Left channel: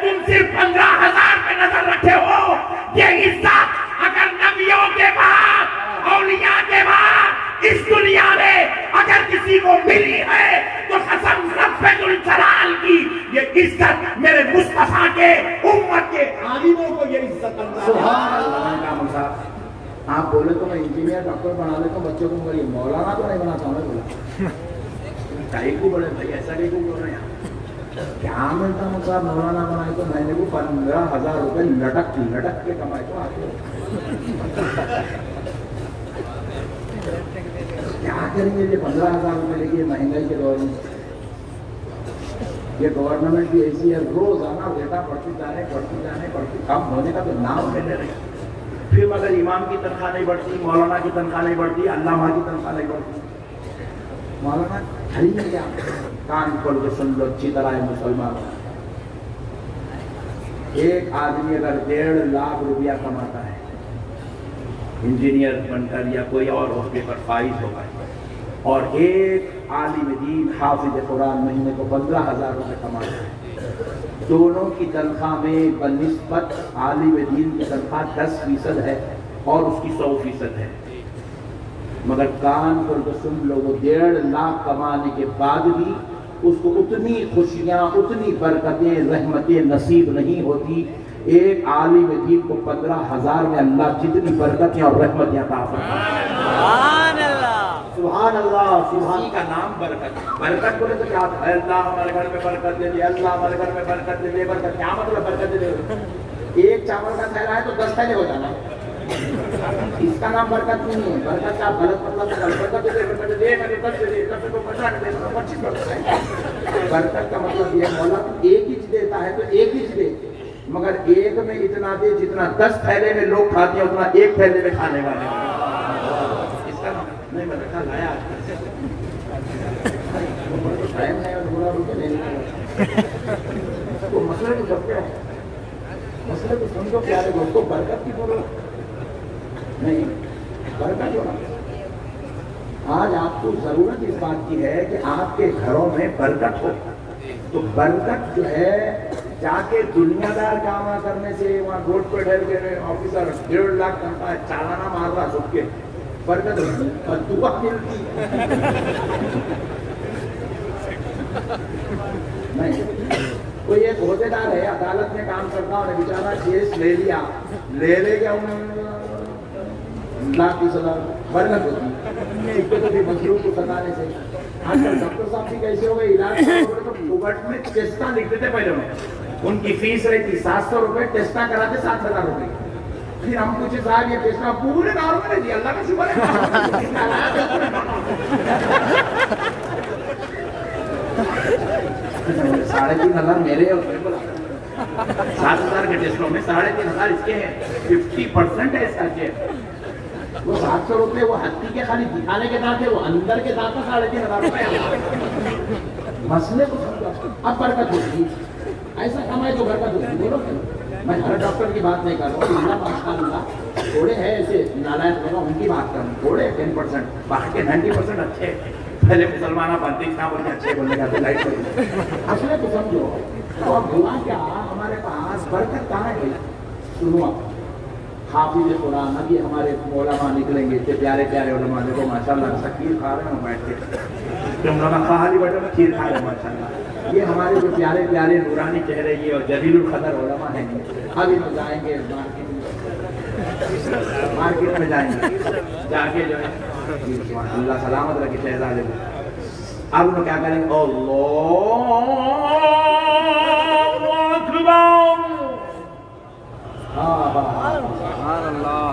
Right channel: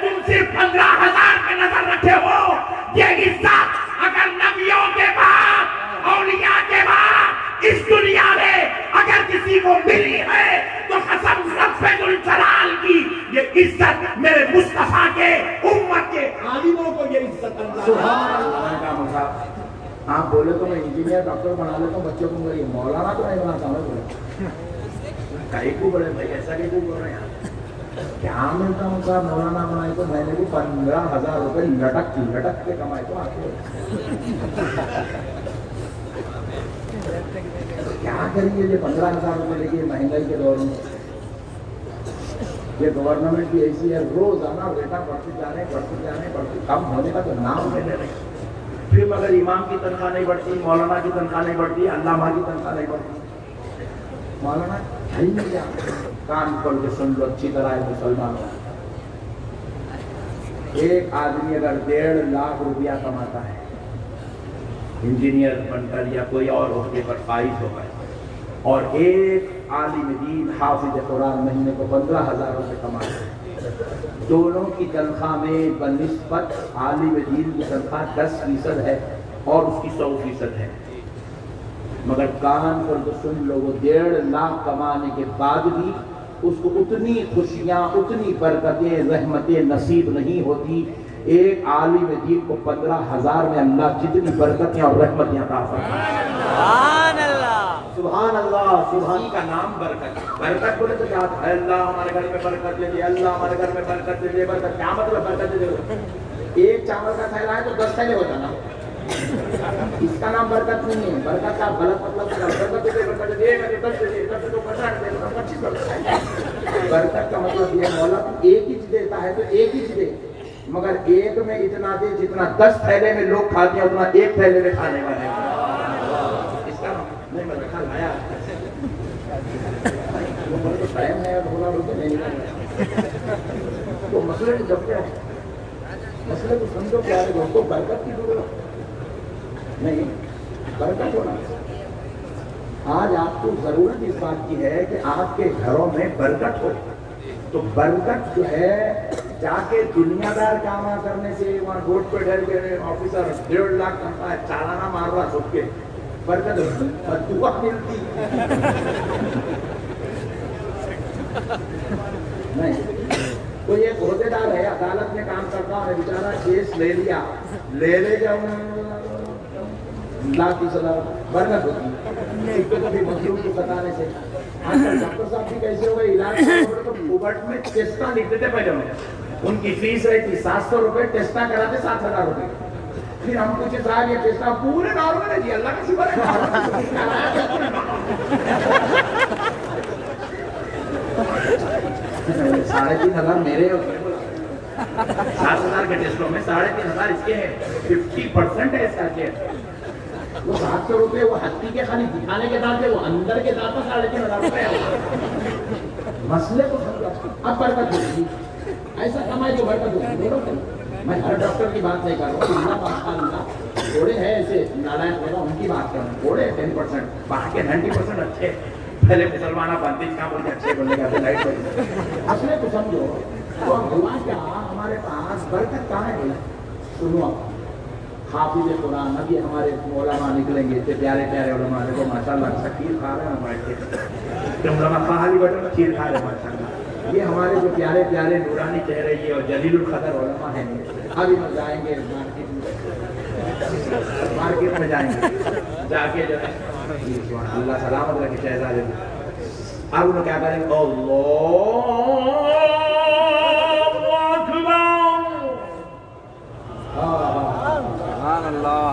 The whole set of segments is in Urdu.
تم صرف 15,000 پہ نظر رکھے ہو. یہ عزت اگر نبیوں کے بعد اولیاء کے بعد اس دنیا میں اگر کسی کو ملی ہے تو قسم رب الجلال کی یہ عزت میرے مصطفیٰ کے امت کے عالموں کو یہ عزت اللہ. سبحان اللہ. آپ بولے تو میں انجینئر ڈاکٹر بنا لیتا ہوں بچوں کو, میری مولانا تو نہیں بناتا ہوں. بولے کئی کو بولے بھائی ایسا کئی کو بول رہے ہیں آپ کیا ملتا ہوں صاحب مولانا بنائے تو میں نے وہ 15,000 روپے لٹک کے کمائے تو آتے کیا کریں گے. یہ 15,000 روپے لے کے مہنگائی کے دور میں یہ گورنمنٹ بھی ایسی ہے روزانہ ریٹا بڑھتی جانے کم ہونے کا تو نام لینے رہی. پھر مگر امام کی تنخواہ نہیں بڑھتی, مولانا کی تنخواہ نہیں بڑھتی, علامہ کی تنخواہ نہیں بڑھتی. مولانا گھر میں کیا کان کھول کے سن لو اچھی طرح ہے مسلمان. ایک آدمی اگر 1.5 لاکھ روپیہ کماتا ہے انجینئر بن کر یا کوئی اور عہدے پر فائز ہو گئے, اور ایک عالم دین حافظ قرآن مہینے کو 15,000 روپے کماتا ہے, دونوں کی تنخواہ میں بنسبت عالم دین کی تنخواہ 10% ہے اور اس کی 100% ہے. مگر کان پر تو سن لو, وہ 1.5 لاکھ کمانے کے بعد بھی اس کو اتنی خوشیاں, اتنی برکتیں, رحمتیں نصیب نہیں ہوتی. ایک عالم دین کو 15,000 میں اللہ جتنی برکتیں اور رحمتیں عطا فرمائے. سبحان اللہ, سبحان اللہ. سبحان کا نام برکت. برکت بولے تو کیا ہے؟ اللہ ہمارے گھر میں برکت دے دے, اللہ ہمارے گھر میں برکت دے دے. برکت کیا مطلب برکت دے دے؟ ایک چاول کا تھیلا ہے تو 10 تھیلے ہو جانا, اس کا نام برکت نہیں ہے. برکت کا غلط مطلب برکت دے, برکت دے, برکت دے, برکت دے, 25 برکت. برکت کا مطلب یہ مولا ایک ہی دیتا ہے تو ایک ہی دے, مگر ایک میں اتنا دے جتنا 10 تھیلے میں لوگ کھاتے ہیں اتنا ایک تھیلے میں کھانے والے. اس کا نہیں مطلب لایا ٹائم ہے اور بولا روپے نہیں تو مسئلے تو جب کیا ہے, مسئلے کو سمجھو پیارے دوستوں. برکت کی ضرورت نہیں, برکت ہونا. آج آپ کو ضرورت اس بات کی ہے کہ آپ کے گھروں میں برکت ہو. تو برکت جو ہے جا کے دنیا دار کام کرنے سے وہاں روڈ پہ ڈھل کے آفیسر 1.5 لاکھ تنخواہ ہے, چالانہ مار رہا سب کے, برکت دعا ملتی نہیں. کوئی ایک عہدے دار ہے عدالت میں کام کرتا ہے, بیچارہ کیس لے لیا, لے گیا لاکھ 20,000 برکت ہوتی. تو بھی مظلوم کو بتانے سے آج کل ڈاکٹر صاحب بھی کیسے ہو گئے, علاج تو کوبٹ میں ٹیسٹاں لکھتے تھے پہلے میں, ان کی فیس رہتی 700 روپے, ٹیسٹاں کراتے 7,000 روپے. پھر ہم پوچھے صاحب یہ ٹیسٹاں پورے نارمل ہے جی, اللہ کا شکر ہے. 3,500 میرے اور 7,000 کے ٹیسٹوں میں 3,500 اس کے ہیں, 50% ہے اس کا کے. وہ 700 روپے وہ ہتھی کے خالی دکھانے کے دانت ہے, وہ اندر کے دانت 3,500 روپے. مسئلے کو سمجھو. اب برکت ہوگی, ایسا کمائے تو برکت ہوگی. بولو میں ہر ڈاکٹر کی بات نہیں کر رہا ہوں, اللہ ماشاءاللہ تھوڑے ہیں ایسے نالائق ہوگا ان کی بات کروں, تھوڑے 10%, باقی کے 90% اچھے. پہلے مسلمانہ پانتیس بولتے اچھے بولنے کا تو لائٹ کریں. مسئلے کو سمجھو. اور دعا کیا ہمارے پاس برکت کہاں ہے؟ سنو حافظ قرآن, ابھی ہمارے علماء نکلیں گے, اتنے پیارے پیارے علماء, دیکھو ماشاءاللہ سکیر کھا رہے ہیں بیٹھ کے, تم علماء باہر بیٹھے کھیر کھا رہے ہیں ماشاءاللہ. یہ ہمارے جو پیارے پیارے نورانی چہرے کی اور جلیل القدر علماء ہیں. ابھی تو جائیں گے مارکیٹ میں جائیں گے, جا کے جو ہے اللہ سلامت رکھے شہزادے کو. اب انہوں کیا کریں گے,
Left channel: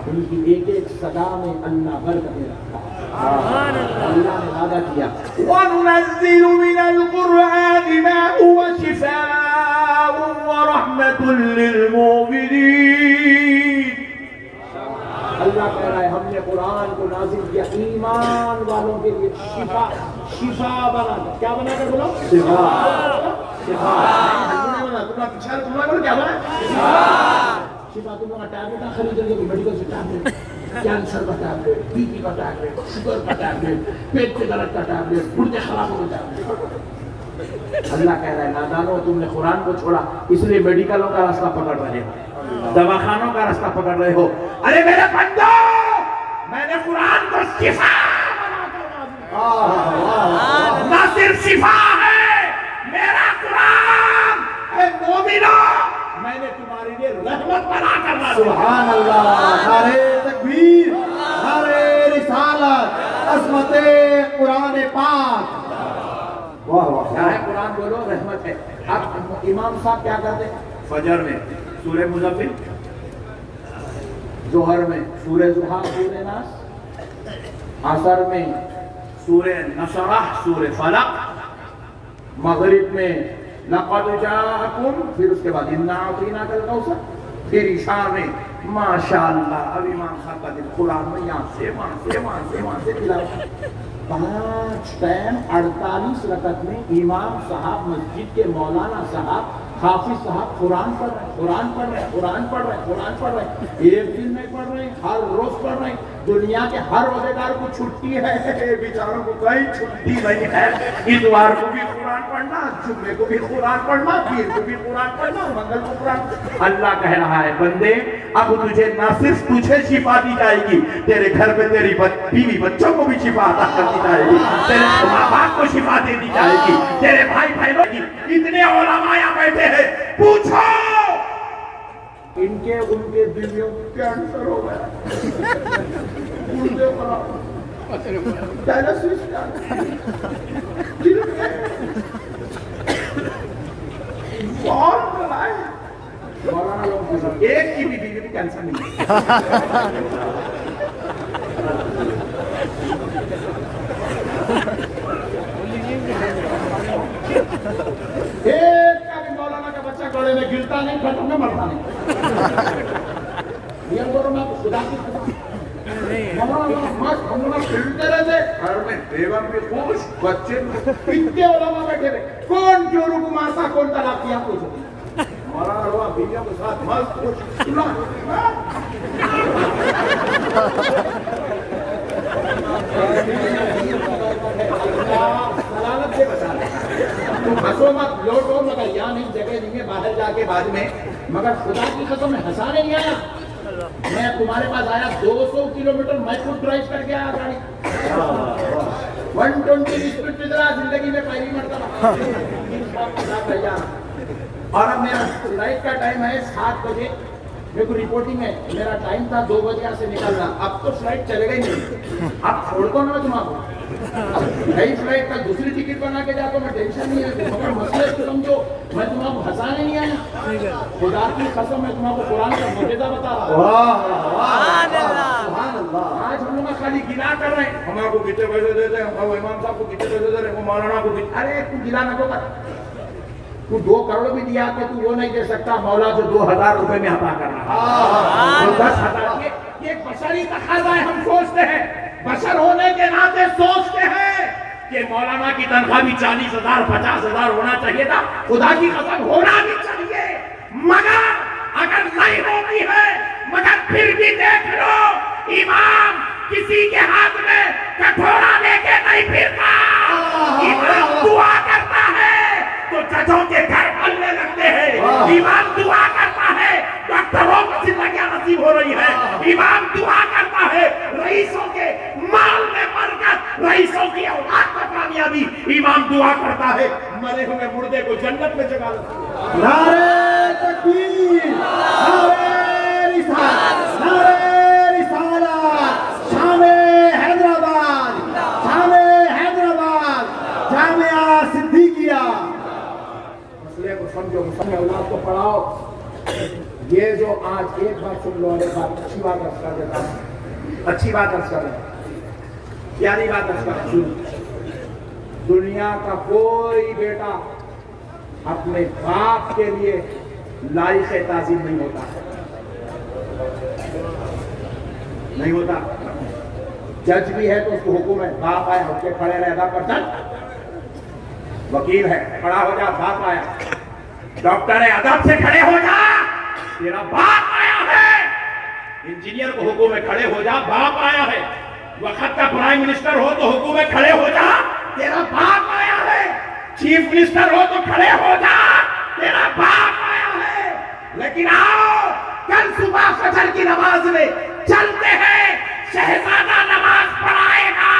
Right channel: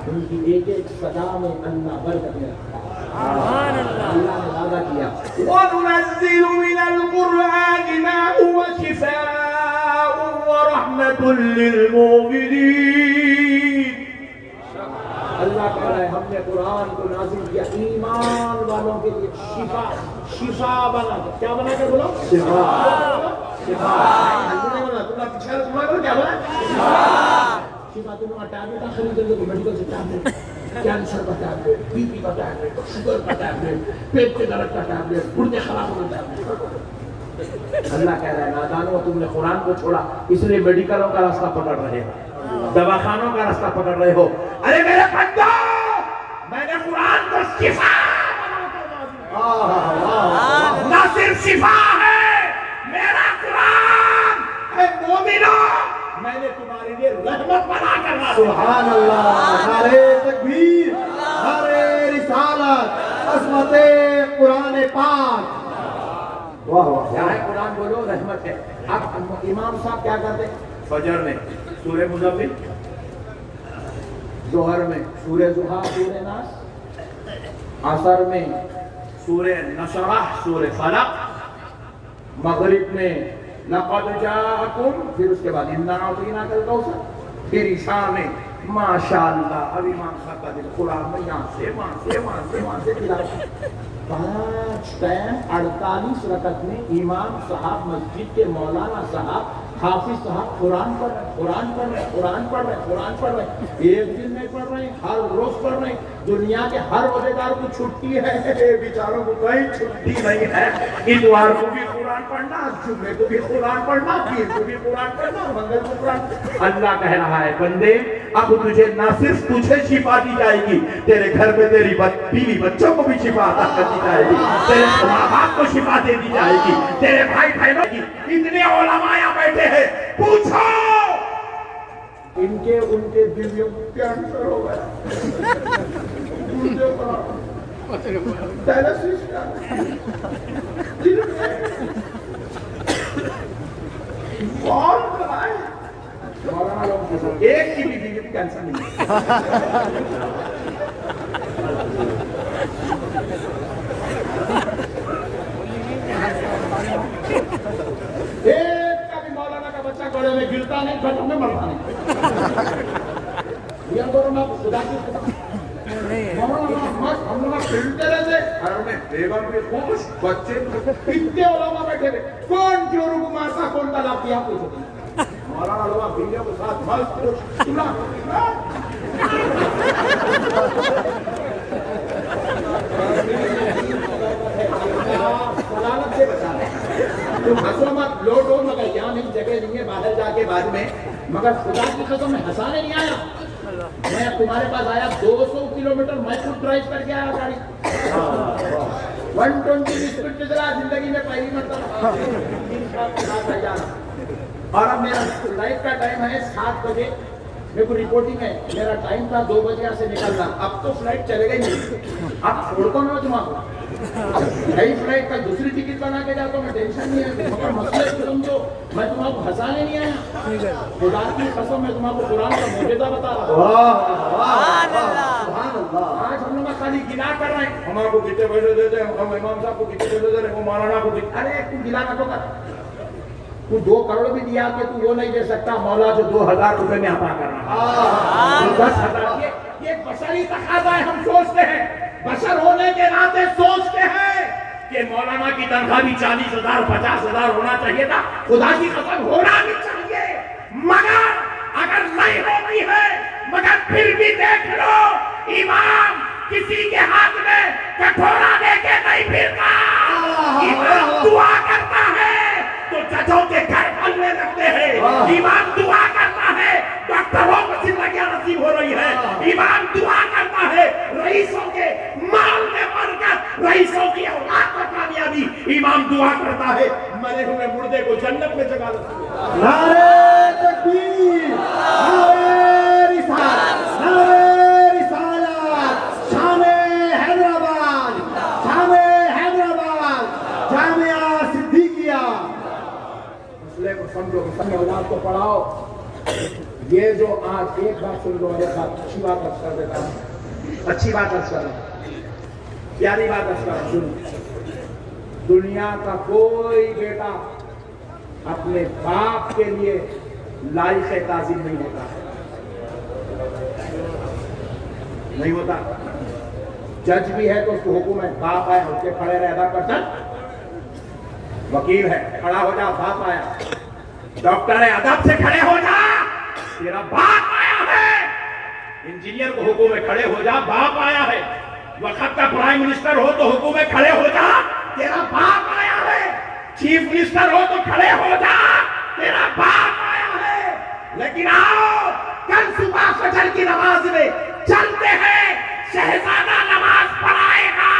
ان کی ایک ایک صدا میں اللہ برکت رکھا. اللہ نے وعدہ کیا, وَنُنَزِّلُ مِنَ الْقُرْآنِ مَا هُوَ شِفَاءٌ وَرَحْمَةٌ لِّلْمُؤْمِنِينَ. اللہ کہہ رہا ہے ہم نے قرآن کو نازل کیا ایمان والوں کے لیے شفا بنا کر. کیا بنا کر بولو؟ شفا. تمہارا بولو کیا بنا؟ شفا. تم لوگ ٹیبلٹ خرید لو گے میڈیکل سے, ٹیبلٹ, کینسر کا ٹیبلٹ, بی پی کا ٹیبلٹ, شوگر کا ٹیبلٹ, پیٹ کے درد کا ٹیبلٹ, گردے خراب ہونے ٹیبلٹ. اللہ کہہ رہا ہے نادانو تم نے قرآن کو چھوڑا اس لیے میڈیکلوں کا راستہ پکڑ رہے ہو، دواخانوں کا راستہ پکڑ رہے ہو۔ ارے میرے بندو، میں نے قرآن کو شفا بنا کر نازل، نہ صرف شفا ہے میرا قرآن، اے مومنو میں نے تمہارے لیے رحمت بنا کر نازل۔ سبحان اللہ، نعرہ تکبیر، نعرہ رسالت، عظمت قرآن پاک۔ واہ واہ، کیا ہے قرآن بولو رحمت ہے۔ اب امام صاحب کیا کرتے فجر میں سورہ مزمل، ظہر میں سورہ ضحیٰ سورہ ناس، عصر میں سورہ نشرح سورہ فلق، مغرب میں لقد جاءکم، پھر اس کے بعد انا اعطیناک الکوثر، پھر عشاء میں ماشاءاللہ اب امام صاحب کا دل قرآن میں یہاں سے تلاوت 5 ٹائم 48 رکعت میں امام صاحب مسجد کے مولانا صاحب حافظ صاحب قرآن پڑھ رہے ہیں، ایک دن نہیں پڑھ رہے ہیں، ہر روز پڑھ رہے ہیں۔ دنیا کے ہر روزےدار کو چھٹی ہے، بیچاروں کو کوئی چھٹی نہیں ہے۔ اتوار کو بھی قرآن پڑھنا، جمعے کو بھی قرآن پڑھنا، پیر کو بھی قرآن پڑھنا، منگل کو قرآن۔ اللہ کہہ رہا ہے بندے اب تجھے نہ صرف تجھے شفا دی جائے گی، تیرے گھر میں تیری بیوی بچوں کو بھی شفا عطا کر دی جائے گی، تیرے ماں باپ کو شفا دے دی جائے گی، تیرے بھائی بہنوں کی۔ اتنے علماء یہاں بیٹھے ہیں، پوچھو ان کے بیویوں کو کینسر ہو گیا، ڈائلسس کون کرائے؟ مولانا لوگ پوچھو ایک کی بھی بیوی کینسر نہیں ایک کا بھی مولانا کا بچہ گڑے میں گرتا نہیں، گھٹن میں مرتا نہیں۔ یہ بولو میں خدا کی قسم، ہم لوگ کھیلتے رہتے، گھر میں بیگم بھی خوش، بچے بھی، اتنے علماء بیٹھے تھے، کون چوروں کو مارتا، کون طلاق کیا پوچھو۔ مولانا لوگ بیویوں کے ساتھ مست خوش، سلامت سے بچا لیں۔ تم ہنسو مت، لوٹو مگر یہاں نہیں، جگہ دیں گے باہر جا کے بعد میں، مگر خدا کی قسم میں ہنسانے نہیں آیا، میں تمہارے پاس آیا 200 کلومیٹر میں خود ڈرائیو کر کے آیا گاڑی 120 کی سپیڈ پہ چلا، زندگی میں پہلی مرتبہ۔ اور اب میرا فلائٹ کا ٹائم ہے 7 بجے، میرے کو رپورٹنگ ہے، میرا ٹائم تھا 2 بجے سے نکلنا، اب تو فلائٹ چلے گئی نہیں، اب چھوڑتا ہوں میں تمہارا نئی فلائٹ کا دوسری ٹکٹ بنا کے جاتا ہوں، میں ٹینشن نہیں ہے، مگر مسئلہ سمجھو میں تمہارا کو ہنسانے نہیں آیا، خدا کی قسم میں تمہارا کو قرآن کا معجزہ بتا رہا ہوں۔ آج ہم لوگ خالی گنا کر رہے ہیں، ہمارے کو کتنے پیسے دیتے ہیں، ہم امام صاحب کو کتنے پیسے دے رہے ہیں، وہ مولانا کو ارے تو گلا نہ کر، تو 2 کروڑ بھی دیا کہ تو وہ نہیں دے سکتا، مولا جو 2000 روپے میں عطا کر رہا ہے، 10,000 یہ بشری تقاضا ہے۔ ہم سوچتے ہیں بشر ہونے کے ناطے سوچتے ہیں کہ مولانا کی تنخواہ بھی 40,000 50,000 ہونا چاہیے تھا، خدا کی قسم ہونا بھی چاہیے، مگر اگر نہیں ہوتی ہے، مگر پھر بھی دیکھ لو امام کسی کے ہاتھ میں کٹورا دے کے نہیں پھرتا، امام دعا کرتا ہے تو ججوں کے گھر بھرنے لگتے ہیں، امام دعا کرتا ہے ڈاکٹروں کو زندگیاں نصیب ہو رہی ہے، امام دعا کرتا ہے رئیسوں کے مال میں برکت، رئیسوں کی اولاد کو کامیابی، امام دعا کرتا ہے مرے ہوئے مردے کو جنت میں جگہ نصیب۔ نعرہ تکبیر، نعرہ رسالت، نعرہ رسالت، شام حیدرآباد، شام حیدرآباد، جامعہ صدیقیہ۔ مسئلے کو سمجھو، مسئلے اولاد کو پڑھاؤ۔ یہ جو آج ایک بات سن لو، اچھی بات عرض کر دیتا ہوں، اچھی بات عرض کر، پیاری بات عرض کر، سن، دنیا کا کوئی بیٹا اپنے باپ کے لیے لائق تعظیم نہیں ہوتا، نہیں ہوتا۔ جج بھی ہے تو اس کو حکم ہے باپ آیا اٹھ کے کھڑے رہ، ادا کر سک، وکیل ہے کھڑا ہو جا، باپ آیا، ڈاکٹر ہے ادب سے کھڑے ہو جا، تیرا باپ آیا ہے، انجینئر کو حکم ہے کھڑے ہو جا، باپ آیا ہے، وقت کا پرائم منسٹر ہو تو حکم ہے کھڑے ہو جا، تیرا باپ آیا ہے، چیف منسٹر ہو تو کھڑے ہو جا, تیرا باپ آیا ہے. لیکن آؤ کل صبح فجر کی نماز میں چلتے ہیں, شہزادہ نماز پڑھائے گا,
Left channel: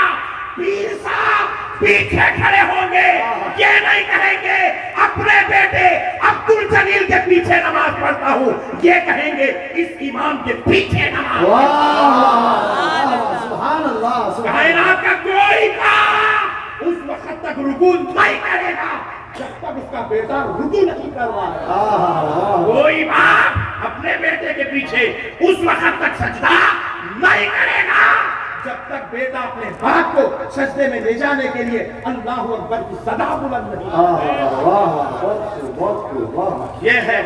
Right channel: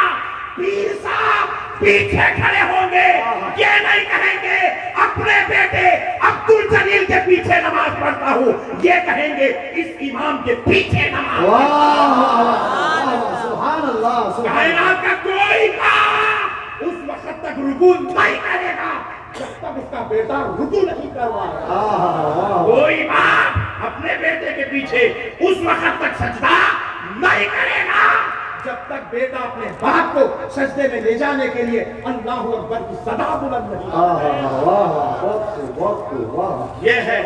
پیر صاحب پیچھے کھڑے ہوں گے, یہ نہیں کہیں گے اپنے بیٹے عبد الجلیل کے پیچھے نماز پڑھتا ہوں, یہ کہیں گے اس امام کے پیچھے نماز. سبحان اللہ. کائنات کا کوئی کام اس وقت تک رکوع نہیں کرے گا جب تک اس کا بیٹا رکوع نہیں کر رہا. کوئی باپ اپنے بیٹے کے پیچھے اس وقت تک سجدہ نہیں کرے گا جب تک بیٹا اپنے باپ کو سجدے میں لے جانے کے لیے اللہ اکبر کی صدا بلند نہیں. یہ ہے.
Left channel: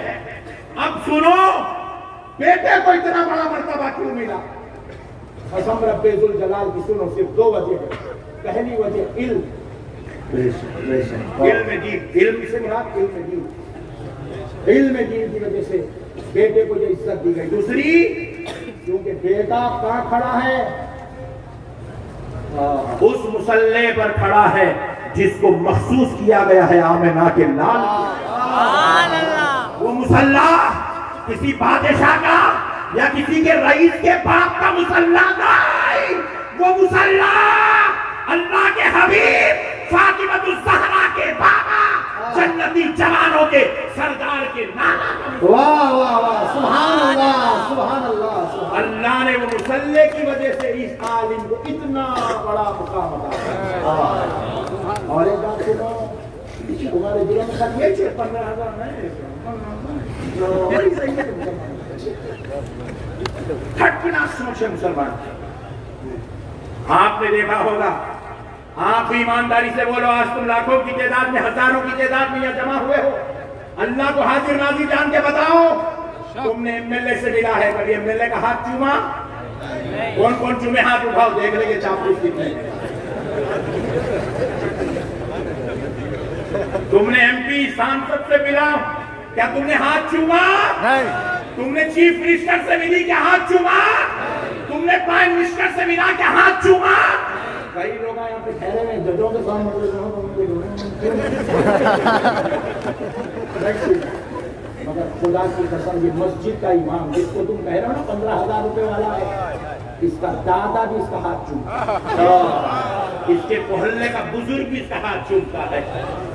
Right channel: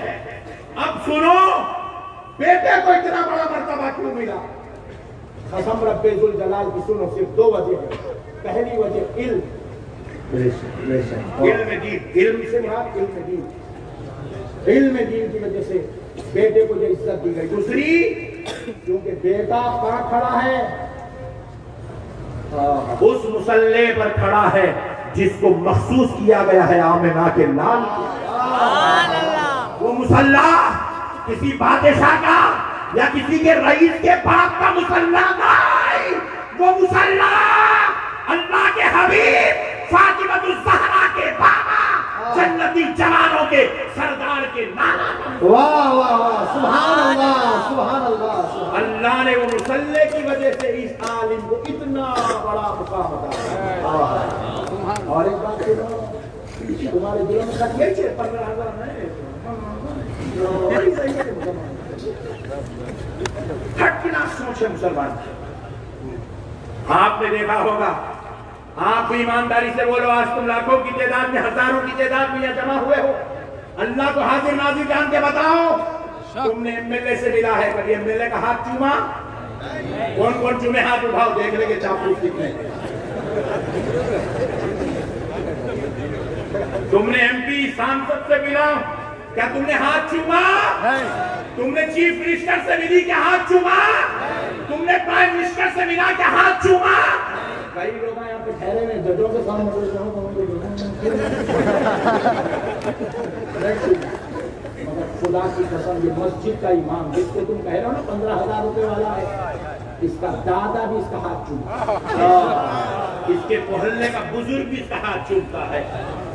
اب سنو, بیٹے کو اتنا بڑا مرتبہ کیوں ملا؟ قسم رب ذوالجلال کی سنو, صرف 2 وجہ ہے. پہلی وجہ علم, علم دین, علم سے مراد علم دین, علم دین کی وجہ سے بیٹے کو یہ عزت دی گئی. دوسری, کیونکہ بیٹا کہاں کھڑا ہے؟ اس مصلی پر کھڑا ہے جس کو مخصوص کیا گیا ہے آمنہ کے لال. وہ مصلی کسی بادشاہ کا یا کسی کے رئیس کے باپ کا مصلی نہیں, وہ مصلی اللہ کے حبیب فاطمہ الزہرا کے بابا جنتی جوانوں کے سردار کے نانا. واہ واہ واہ, سبحان اللہ, سبحان اللہ. اللہ نے وہ مصلی کی وجہ سے اس عالم کو اتنا بڑا مقام عطا. اور ایک بات سنو, تمہارے دلوں میں خط یہ چھے 15,000 نہیں, خط کی نہ سوچے مسلمان. آپ نے دیکھا ہوگا, آپ بھی ایمانداری سے بولو, آج تم لاکھوں کی تعداد میں, ہزاروں کی تعداد میں یہاں جمع ہوئے ہو, اللہ کو حاضر ناظر جان کے بتاؤ, تم نے ایم ایل اے سے ملا ہے, کبھی ایم ایل اے کا ہاتھ چوما؟ کون کون چومے؟ ہاتھ اٹھاؤ, دیکھ لیں گے چاپلوس کتنے. تم نے ایم پی سانسد سے ملا, کیا تم نے ہاتھ چوما؟ تم نے چیف منسٹر سے ملی, کیا ہاتھ چوما؟ تم نے پرائم منسٹر سے ملا, کیا ہاتھ چوما؟ کئی لوگ یہاں پہ ٹھہرے ہوئے ججوں کے سامنے, مگر خدا کی قسم یہ مسجد کا امام جس کو تم کہہ رہے ہو نا 15,000 روپے والا ہے, اس کا دادا بھی اس کا ہاتھ چومتا, اس کے محلے کا بزرگ بھی اس کا ہاتھ چومتا ہے,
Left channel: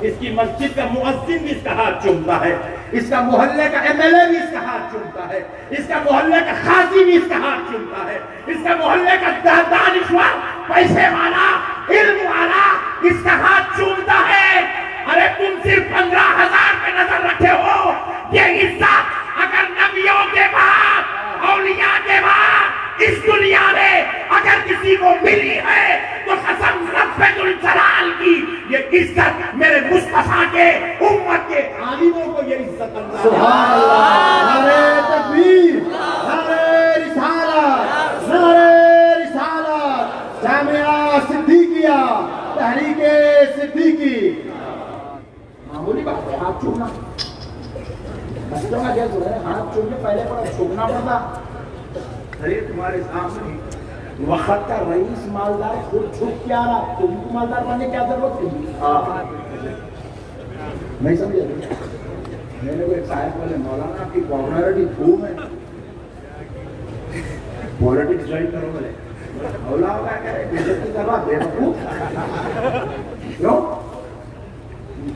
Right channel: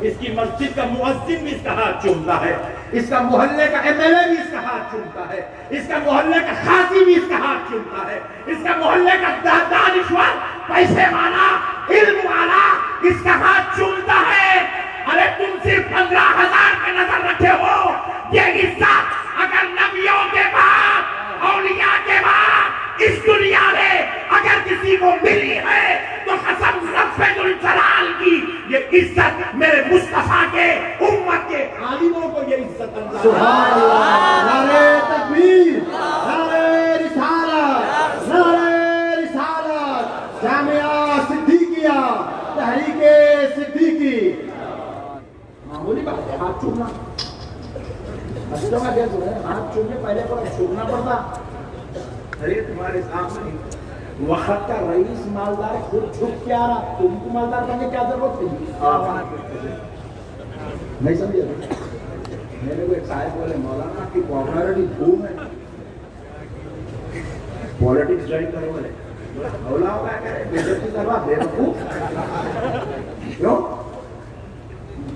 اس کی مسجد کا مؤذن بھی اس کا ہاتھ چومتا ہے, اس کا محلے کا ایم ایل اے بھی اس کا ہاتھ چومتا ہے, اس کا محلے کا قاضی بھی اس کا ہاتھ چومتا ہے, اس کا محلے کا دانشور, پیسے والا, علم والا اس کا ہاتھ چومتا ہے. ارے تم صرف 15,000 پہ نظر رکھے ہو, یہ عزت اگر نبیوں کے بعد, اولیاء کے بعد اس دنیا میں اگر کسی کو ملی ہے تو قسم رب ذوالجلال کی, یہ عزت میرے مصطفیٰ کے امت کے عالموں کو یہ عزت اللہ. سبحان اللہ. نعرہ تکبیر, نعرہ رسالت, نعرہ رسالت. جامعہ صدیقیہ, تحریک صدیقی. معمولی بات ہے ہاتھ چومنا, بچوں کا کیا ضرورت ہے ہاتھ چومنے پہلے پر چھوڑنا پڑتا. ارے تمہارے سامنے وقت کا رئیس مالدار خود چھپ کیا رہا, تم کو مالدار بننے کیا ضرورت تھی؟ نہیں سمجھے؟ میں نے کوئی صاحب بولے مولانا کی پاپولرٹی خوب ہے, پالیٹکس جوائن کرو بولے, مولا ہوگا کہہ رہے بیزتی کروا بے وقوف. کیوں؟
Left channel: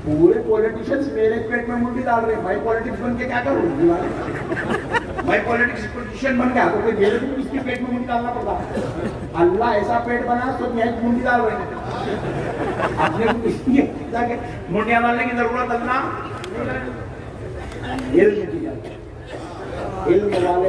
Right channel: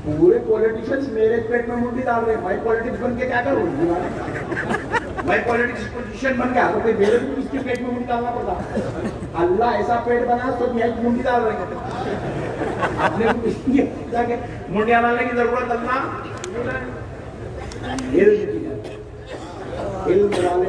پورے پولیٹیشنز میرے پیٹ میں منڈی ڈال رہے ہیں, میں پولیٹکس بن کے کیا کروں؟ میں پولیٹکس پولیٹیشین بن گیا تو کوئی میرے بھی اس کے پیٹ میں منڈی ڈالنا پڑتا. اللہ ایسا پیٹ بنا تو میں منڈی ڈال رہے ہیں. آپ نے منڈیاں ڈالنے کی ضرورت اللہ علم والے